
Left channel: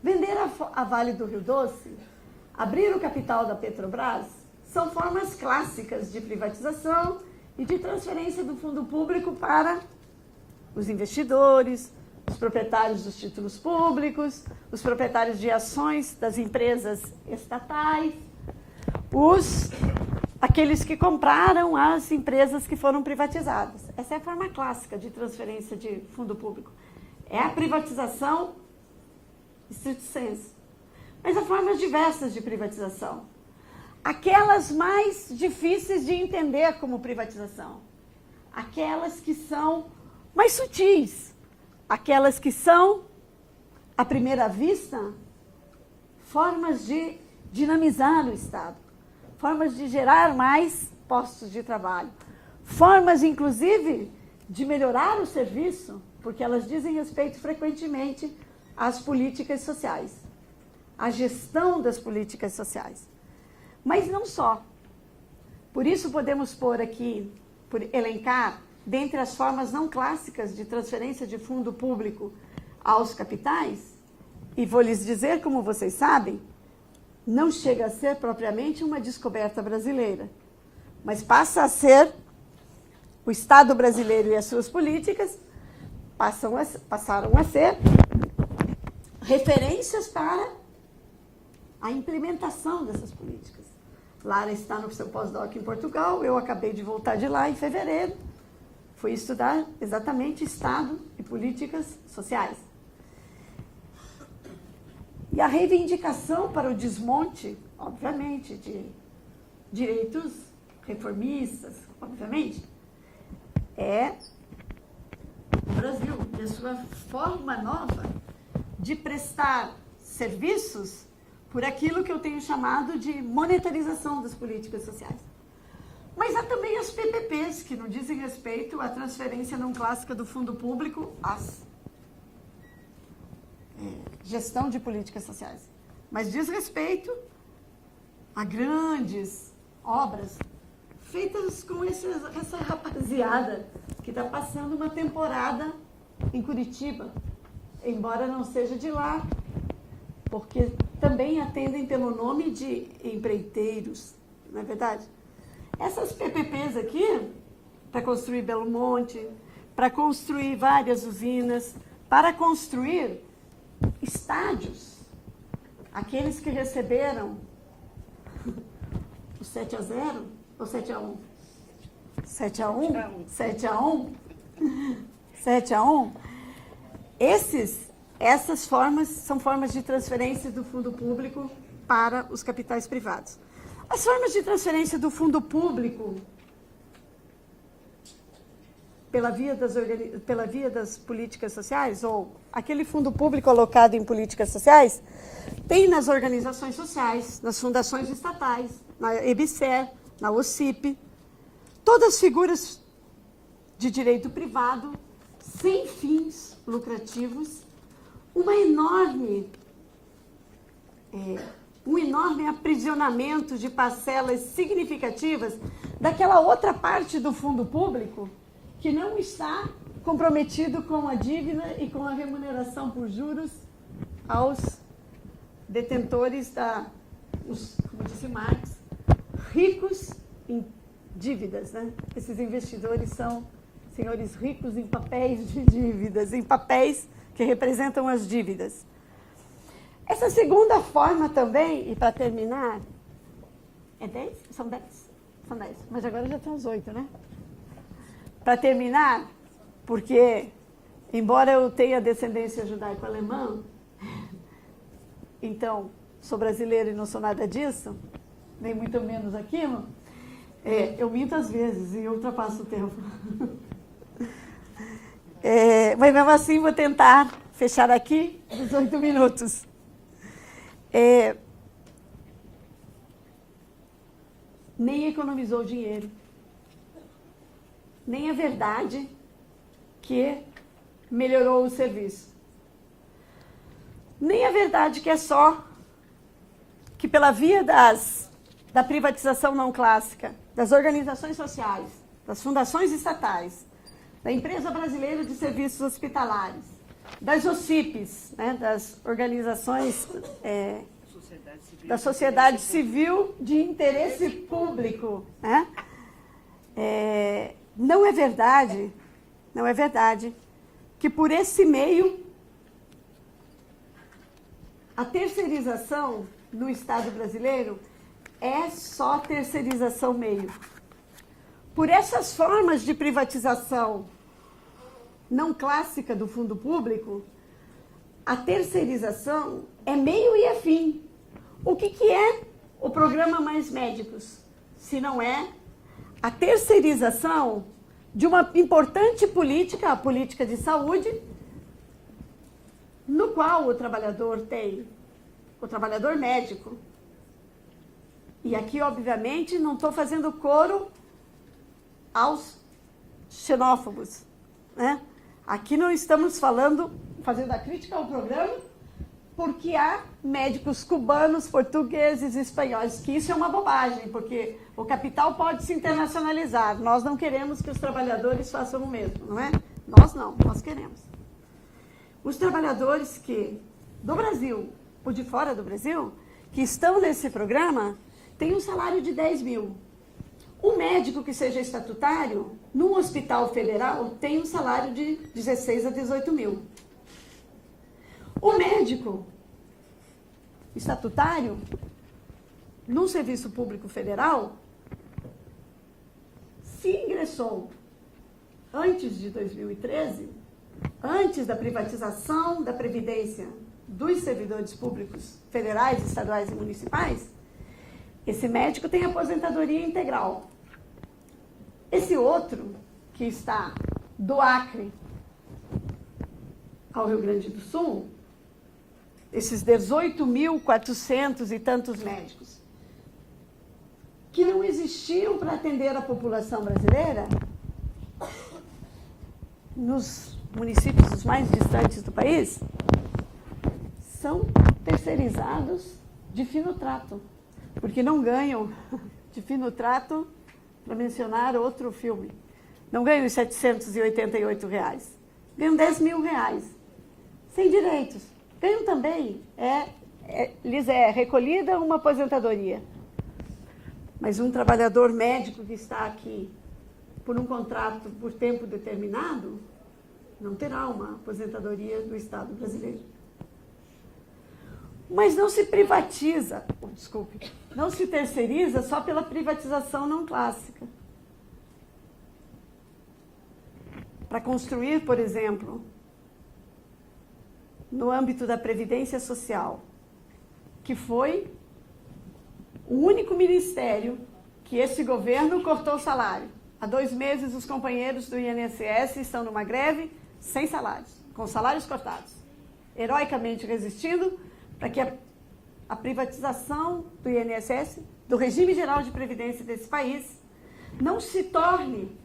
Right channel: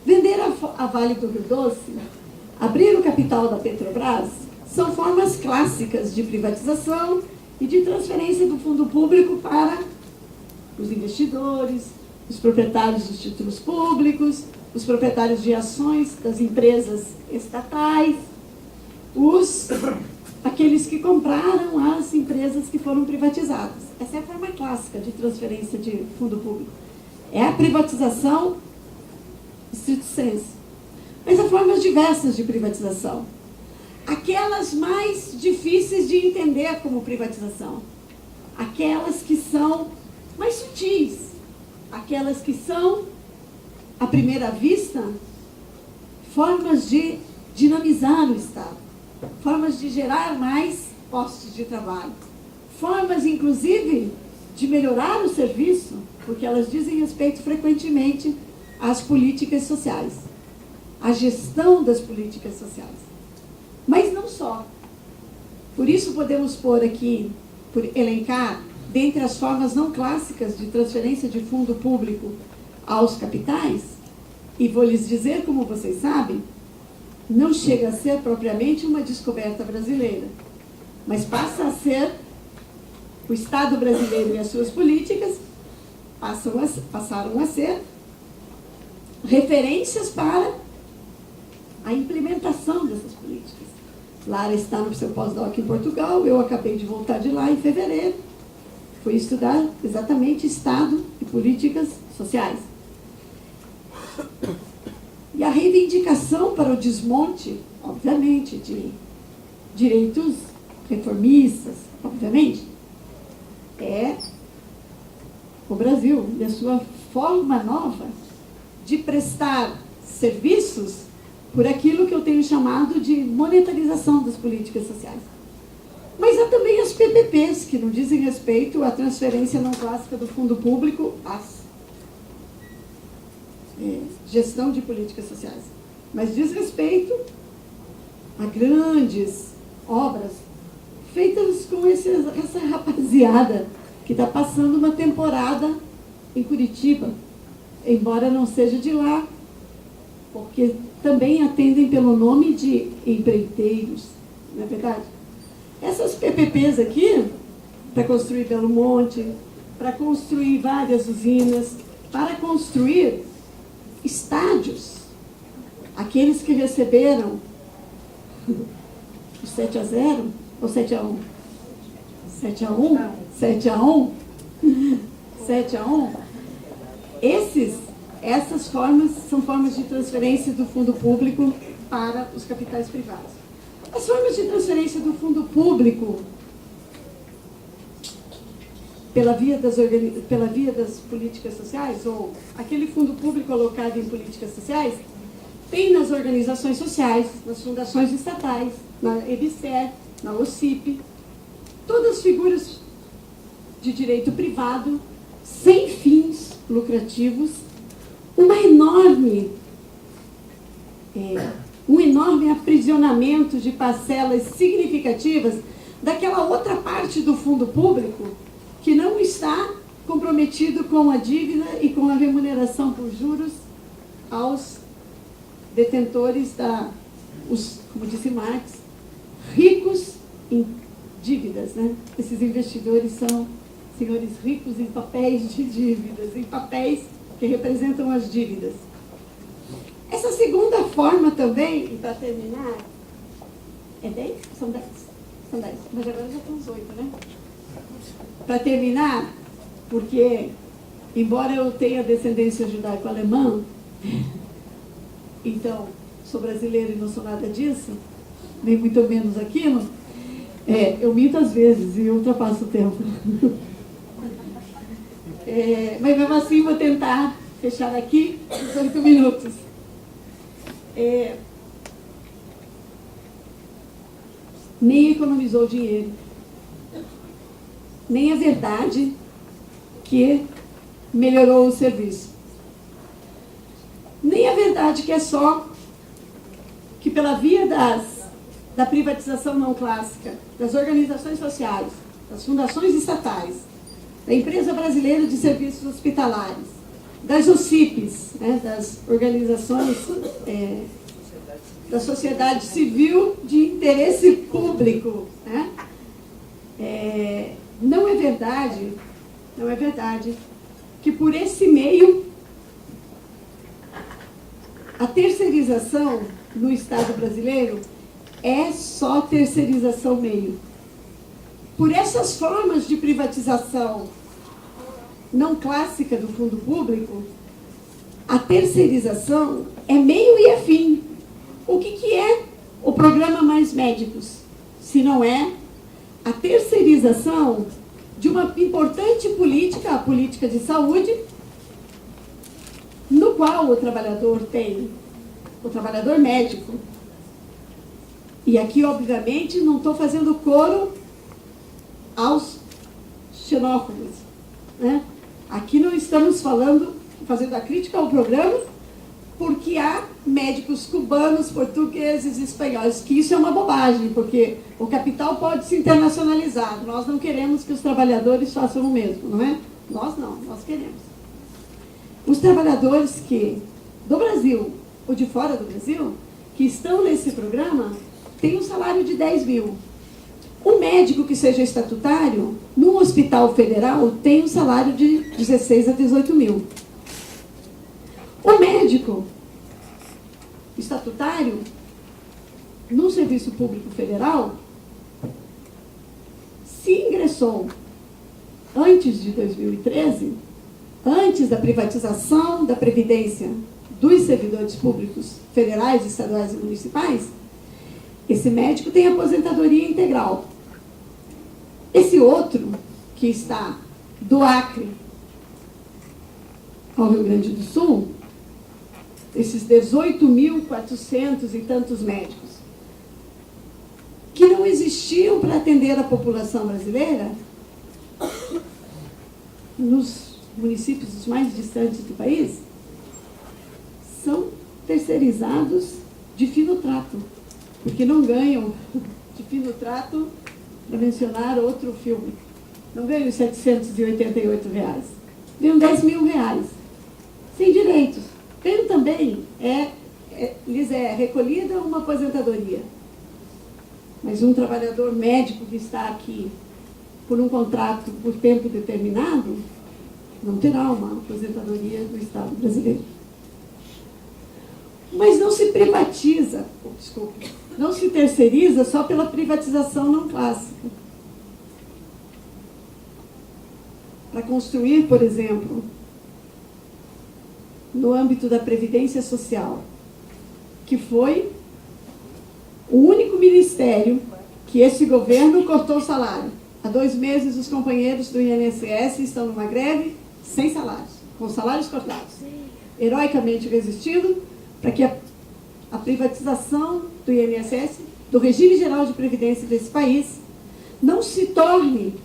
Vender a Vale do Rio Doce, abrir o capital da Petrobras, são formas clássicas de privatização e de transferência do fundo público para os investidores, os proprietários dos títulos públicos, os proprietários de ações das empresas estatais, aqueles que compraram as empresas que foram privatizadas. Essa é a forma clássica de transferência de fundo público. É a privatização stricto sensu. Mas há formas diversas de privatização. Aquelas mais difíceis de entender como privatização. Aquelas que são mais sutis. Aquelas que são, à primeira vista, formas de dinamizar o Estado. Formas de gerar mais postos de trabalho. Formas, inclusive, de melhorar o serviço, porque elas dizem respeito frequentemente às políticas sociais, à gestão das políticas sociais. Mas não só. Por isso podemos pôr aqui, elencar, dentre as formas não clássicas de transferência de fundo público aos capitais, e vou lhes dizer, como vocês sabem, não chega a ser propriamente uma descoberta brasileira, mas passa a ser o Estado brasileiro e as suas políticas passaram a ser referências para a implementação dessas políticas. Lara está no seu pós-doc em Portugal, eu acabei de voltar de lá em fevereiro, fui estudar exatamente Estado e políticas sociais. E a reivindicação para o desmonte, obviamente, de direitos reformistas, obviamente, é o Brasil e a sua forma nova de prestar serviços por aquilo que eu tenho chamado de monetarização das políticas sociais. Mas há também as PPPs, que não dizem respeito à transferência não clássica do fundo público à gestão de políticas sociais, mas diz respeito a grandes obras feitas com essa rapaziada que está passando uma temporada em Curitiba, embora não seja de lá, porque também atendem pelo nome de empreiteiros, não é verdade? Essas PPPs aqui, para construir Belo Monte, para construir várias usinas, para construir estádios, aqueles que receberam o 7-0 ou 7-1? 7-1? 7-1? 7-1? Essas formas são formas de transferência do fundo público para os capitais privados. As formas de transferência do fundo público pela via das políticas sociais, ou aquele fundo público alocado em políticas sociais, tem nas organizações sociais, nas fundações estatais, na EBSER, na OCIP, todas figuras de direito privado, sem fins lucrativos, um enorme aprisionamento de parcelas significativas daquela outra parte do fundo público que não está comprometido com a dívida e com a remuneração por juros aos detentores como disse Marx, ricos em dívidas, né? Esses investidores são senhores ricos em papéis de dívidas, em papéis que representam as dívidas. Essa segunda forma também, e para terminar, é 10? São 10. São 10, mas agora já estão os 8, né? Para terminar, porque, embora eu tenha descendência judaico-alemã, então, sou brasileira e não sou nada disso, nem muito menos aquilo, eu minto às vezes e ultrapasso o tempo. Mas mesmo assim, vou tentar fechar aqui os 8 minutos. Nem economizou dinheiro. Nem é verdade que melhorou o serviço. Nem é verdade que é só que pela via da privatização não clássica, das organizações sociais, das fundações estatais, da Empresa Brasileira de Serviços Hospitalares, das UCIPs, né, das organizações da sociedade civil de interesse público, né? Não é verdade que por esse meio a terceirização no Estado brasileiro é só terceirização meio. por essas formas de privatização não clássica do fundo público, a terceirização é meio e é fim. O que é o programa Mais Médicos, se não é a terceirização de uma importante política, a política de saúde, no qual o trabalhador tem, o trabalhador médico. E aqui, obviamente, não estou fazendo coro aos xenófobos, né? Aqui não estamos fazendo a crítica ao programa, porque há médicos cubanos, portugueses, espanhóis, que isso é uma bobagem, porque o capital pode se internacionalizar. Nós não queremos que os trabalhadores façam o mesmo, não é? Nós não, nós queremos. Os trabalhadores do Brasil ou de fora do Brasil, que estão nesse programa, têm um salário de 10 mil. O médico que seja estatutário, num hospital federal, tem um salário de 16 a 18 mil. O médico estatutário, num serviço público federal, se ingressou antes de 2013, antes da privatização da Previdência dos servidores públicos federais, estaduais e municipais, esse médico tem aposentadoria integral. Esse outro, que está do Acre ao Rio Grande do Sul, esses 18.400 e tantos médicos, que não existiam para atender a população brasileira, nos municípios mais distantes do país, são terceirizados de fino trato, porque não ganham de fino trato, para mencionar outro filme, não ganham os R$ 788, ganham 10 mil reais, sem direitos. Ganham também, lhes é recolhida uma aposentadoria. Mas um trabalhador médico que está aqui por um contrato por tempo determinado, não terá uma aposentadoria do Estado brasileiro. Mas não se privatiza, não se terceiriza só pela privatização não clássica. Para construir, por exemplo, no âmbito da Previdência Social, que foi o único ministério que esse governo cortou o salário. Há 2 meses, os companheiros do INSS estão numa greve sem salários, com salários cortados. Heroicamente resistindo para que a privatização do INSS, do regime geral de previdência desse país, não se torne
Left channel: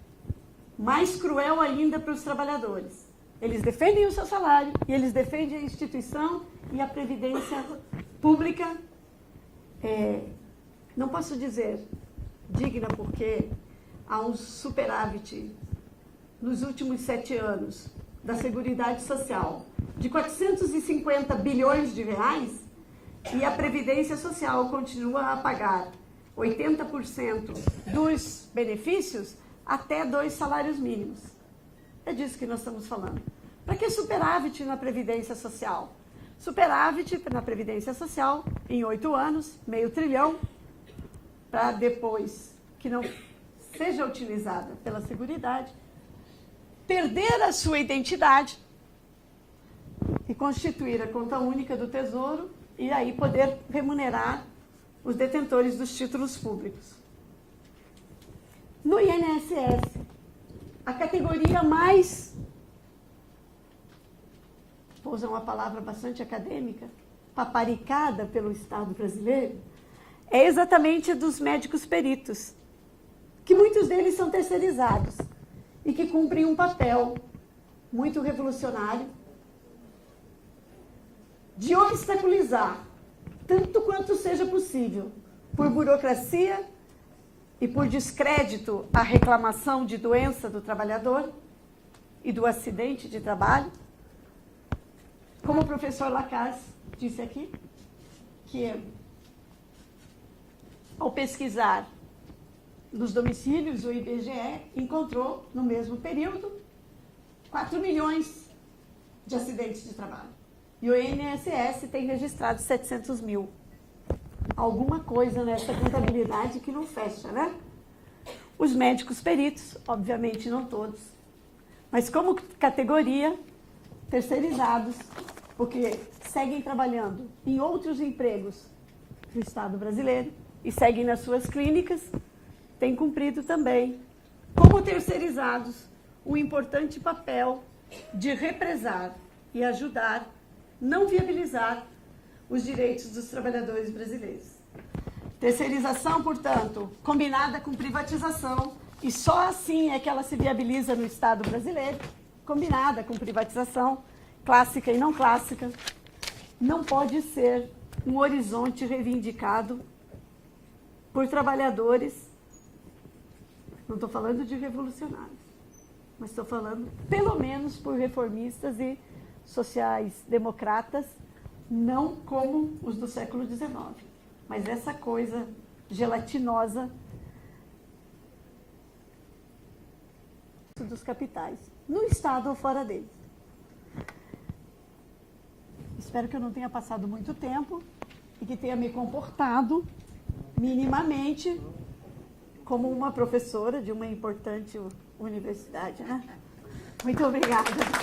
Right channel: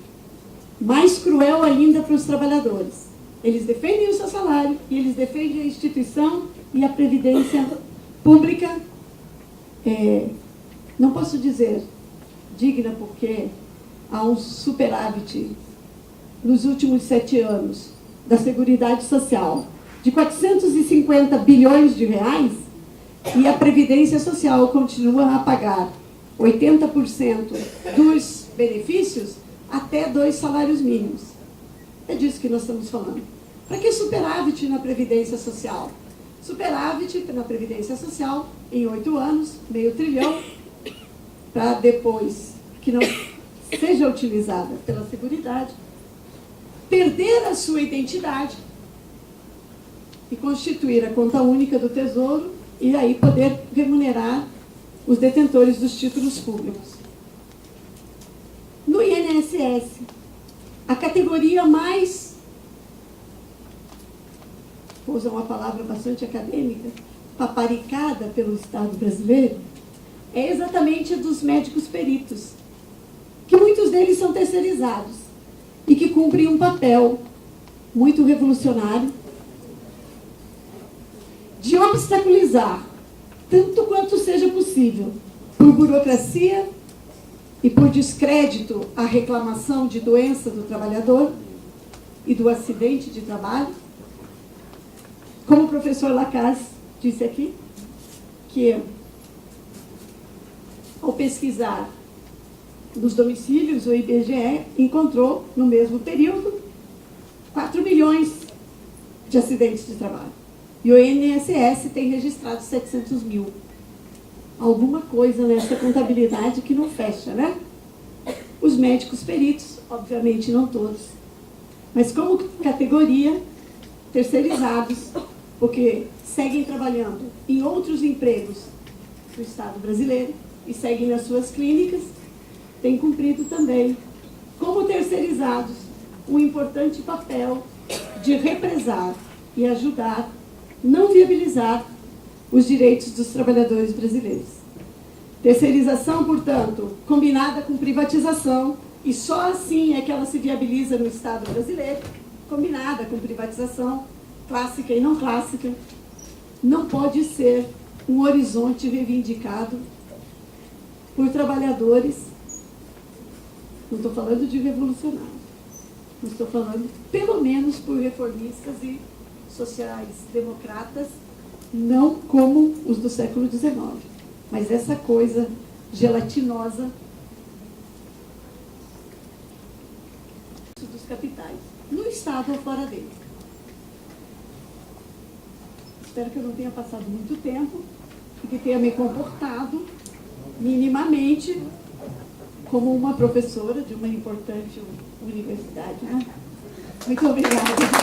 mais cruel ainda para os trabalhadores. Eles defendem o seu salário e eles defendem a instituição e a previdência pública, não posso dizer digna, porque há um superávit nos últimos 7 anos da Seguridade Social de 450 bilhões de reais, e a Previdência Social continua a pagar 80% dos benefícios até 2 salários mínimos. É disso que nós estamos falando. Para que superávit na Previdência Social? Superávit na Previdência Social em 8 anos, meio trilhão, para depois que não seja utilizada pela Seguridade, perder a sua identidade e constituir a conta única do Tesouro e aí poder remunerar os detentores dos títulos públicos. No INSS, a categoria mais, vou usar uma palavra bastante acadêmica, paparicada pelo Estado brasileiro, é exatamente a dos médicos peritos, que muitos deles são terceirizados e que cumprem um papel muito revolucionário de obstaculizar, tanto quanto seja possível, por burocracia e por descrédito, a reclamação de doença do trabalhador e do acidente de trabalho. Como o professor Lacasse disse aqui, que ao pesquisar nos domicílios, o IBGE encontrou, no mesmo período, 4 milhões de acidentes de trabalho. E o INSS tem registrado 700 mil. Alguma coisa nessa contabilidade que não fecha, né? os médicos peritos, obviamente não todos, mas como categoria, terceirizados, porque seguem trabalhando em outros empregos do Estado brasileiro e seguem nas suas clínicas, têm cumprido também, como terceirizados, um importante papel de represar e ajudar, não viabilizar os direitos dos trabalhadores brasileiros. Terceirização, portanto, combinada com privatização, e só assim é que ela se viabiliza no Estado brasileiro, combinada com privatização, clássica e não clássica, não pode ser um horizonte reivindicado por trabalhadores, não estou falando de revolucionários, mas estou falando pelo menos por reformistas e sociais-democratas, não como os do século XIX, mas essa coisa gelatinosa dos capitais, no Estado ou fora dele. Espero que eu não tenha passado muito tempo e que tenha me comportado minimamente como uma professora de uma importante universidade, né? Muito obrigada.